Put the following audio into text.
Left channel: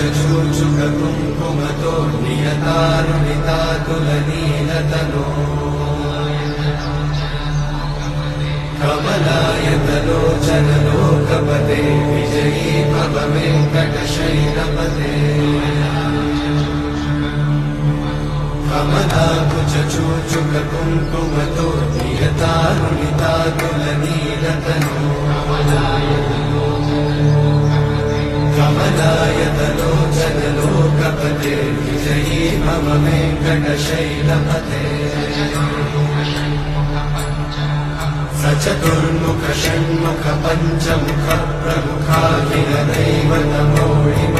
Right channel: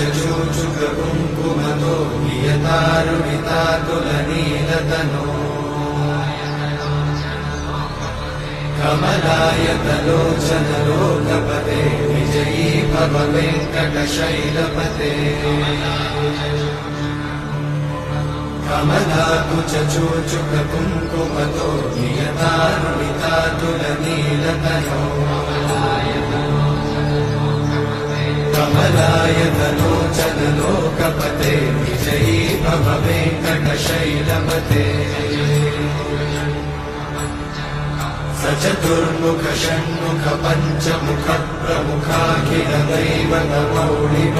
कुङ्कुमतो नियतारुणितातुलनीलतनो कमलायतलोचनलोकपते विजयी भव वेङ्कटशैलपते कमलाकुचूचुककुङ्कुमतो नियतारुणितातुलनीलतनो कमलायतलोचनलोकपते विजयी भव वेङ्कटशैलपते सचतुर्मुख षण्मुख पञ्चमुख प्रमुखाखिल दैवतमौळिव